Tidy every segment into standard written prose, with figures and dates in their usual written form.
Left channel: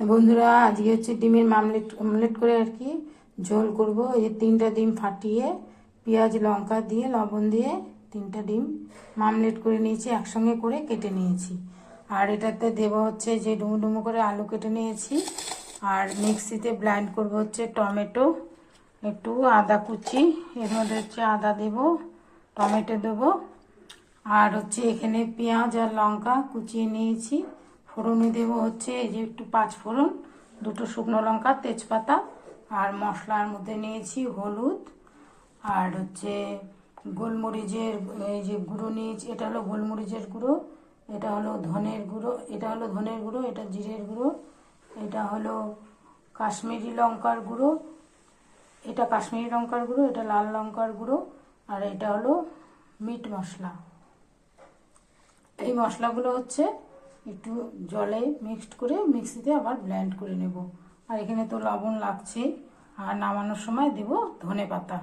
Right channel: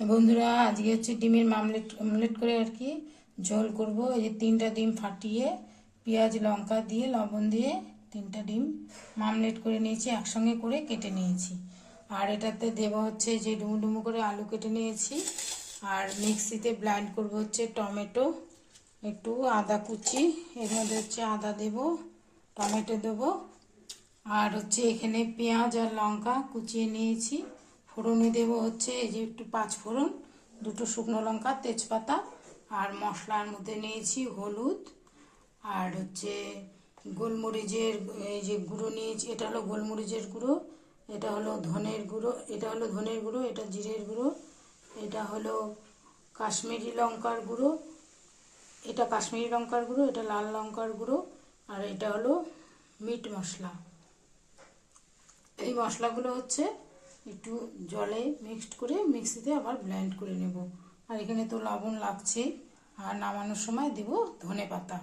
বন্ধুরা, আজকে হচ্ছে ডিমের অমলেট করে আর কি ঝোল করব। এই যে 3টা ডিম ফাটিয়ে পেঁয়াজ লঙ্কা দিয়ে লবণ দিয়ে 3টা ডিম মামলেট করে নিয়েছি, একসঙ্গে করে কেটে নিয়েছি। আর এটাতে দেব হচ্ছে যে ডুমো ডুমো করে আলু কেটে নিয়েছি। আর মিক্সিতে ব্লেন্ড করব হচ্ছে টমেটো, একটু আদা কুচি, এর মধ্যে হচ্ছে আদা দেব, টমেটো দেবো, আর হচ্ছে এখানে পেঁয়াজ আর লঙ্কা কুচিয়ে নিয়েছি। ফোড়নে দেব হচ্ছে এই যে একটু 5 ফোড়ন, 2টো শুকনো লঙ্কা, তেজপাতা। আর মশলার মধ্যে নিয়েছি হলুদ, আর হচ্ছে গোলমরিচের এই যে গুঁড়ো নিয়েছি, এটা হলো গোলমরিচের গুঁড়ো, এটা হলো ধনের গুঁড়ো, এটা হলো ধনের গুঁড়ো, এটা জিরের গুঁড়ো, এটা হলো কাশ্মীরি লঙ্কার গুঁড়ো, এটা কাশ্মীরি লঙ্কার গুঁড়ো, এটা লাল লঙ্কার গুঁড়ো, আর এটা হলো মিট মশলা। এই মশলাগুলো হচ্ছে একটু জলে মিক্সড করে মিক্সিতে আবার ব্লেন্ড করে নেব। আর এখানে তো লবণ লাগছে। আর নামানোর সময় দেব ধনেপাতা।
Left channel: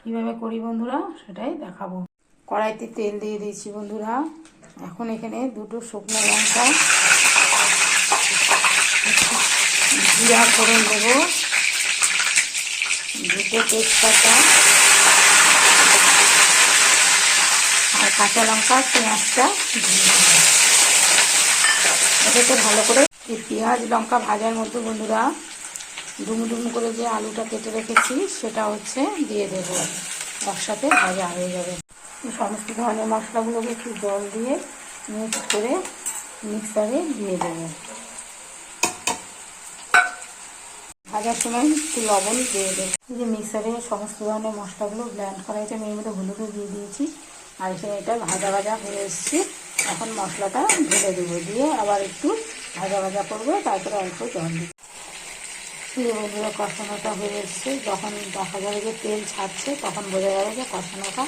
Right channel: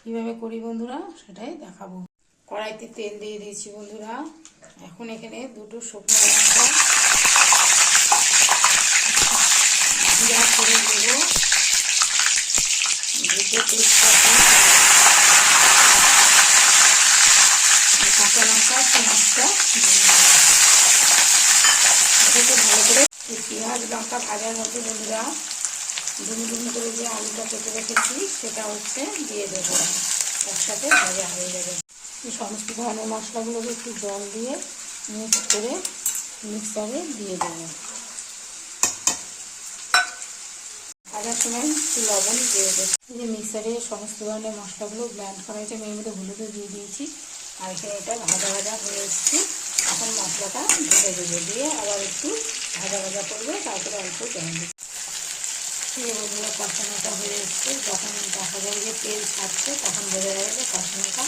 কীভাবে করি বন্ধুরা সেটাই দেখাবো। কড়াইতে তেল দিয়ে দিয়েছি বন্ধুরা। এখন এখানে 2টো শুকনো লঙ্কা, জিরা ফোড়ন দেব, 2টো তেজপাতা আর কাঁচা লঙ্কা, পেঁয়াজটা এটাকে ভালো করে এই পেঁয়াজ লঙ্কা ভাজার মধ্যে বন্ধুরা ডুমু ডুমু করে যে আলুটা কেটে রেখেছি সেটা হচ্ছে দিয়ে দেবো, একসাথে ভাজা হয়ে যাবে। সমস্ত ধরনের মশলাগুলোকে একটু জল দিয়ে মিক্স করে মিক্সারে দিয়ে দেবো। ভাজার সময় একটু লবণ দিয়ে দেবো। এই যে মিক্সারে সমস্ত ধরনের মশলাগুলো ব্লেন্ড করা হয়েছে, আমি এর মধ্যে হলুদও দিয়ে দিয়েছি। আর এখানে এটা ভাজা ভাজা হয়ে এসেছে। এখন মশলাটা ঢেলে দেবো, দিয়ে আবার একটু ভাজা ভাজা করবো, তারপরে অল্প জল দিই। বন্ধুরা কষানোটা হয়ে এসছে, যখন দেখা যাবে যে তেল ছাড়ছে তখন বোঝা যাবে যে কষানোটা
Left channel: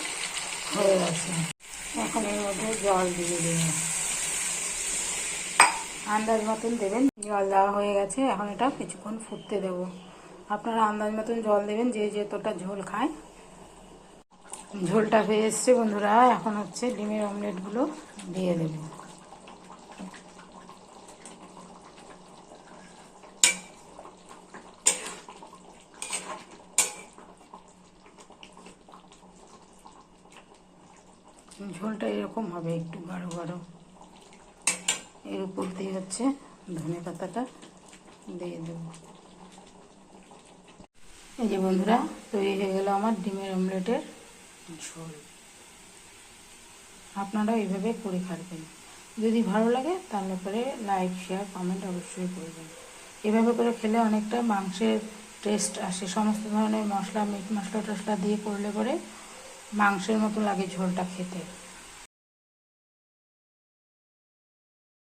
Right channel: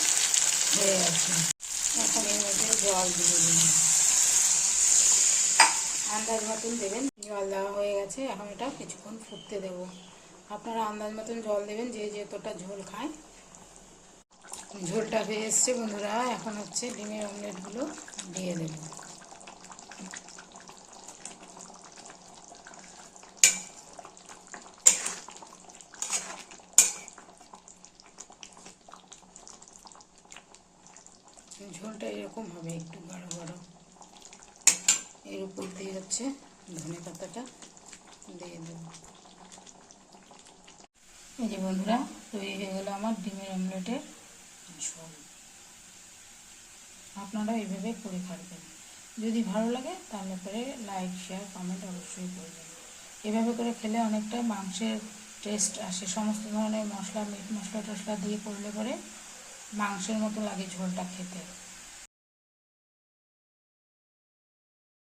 হয়ে গেছে। এখন এর মধ্যে জল দিয়ে দেবো, আন্দাজ মতন দেবেন। জল দেওয়া হয়ে গেছে, এখন এটা কিছুক্ষণ ফুটতে দেব। আপনারা আন্দাজ মতন জল দেবেন, যে যতটা ঝোল খায়। ঝোলটা হয়ে এসছে বন্ধুরা, এখন হচ্ছে ডিমের অমলেটগুলো দিয়ে দেব। ঝোলটা এরকম হবে, একটু গাঢ় গাঢ়। এর উপর দিয়ে হচ্ছে ধনেপাতাটা দিয়ে দেব। এই যে বন্ধুরা, তৈরি হয়ে গেল আমার ডিমের অমলেটের ঝোল। আপনারাও এইভাবে করে খাবেন। যদি ভালো লাগে তাহলে পরে লাইক, শেয়ার, কমেন্ট অবশ্যই করবেন। এভাবে করে খেলে অনেকটা মাংসের টেস্ট আসে। সমস্ত ধরনের মশলা, মিট মশলা টশলা দিয়ে করলে পরে মাংসের মতো লাগে ঝোলটা খেতে।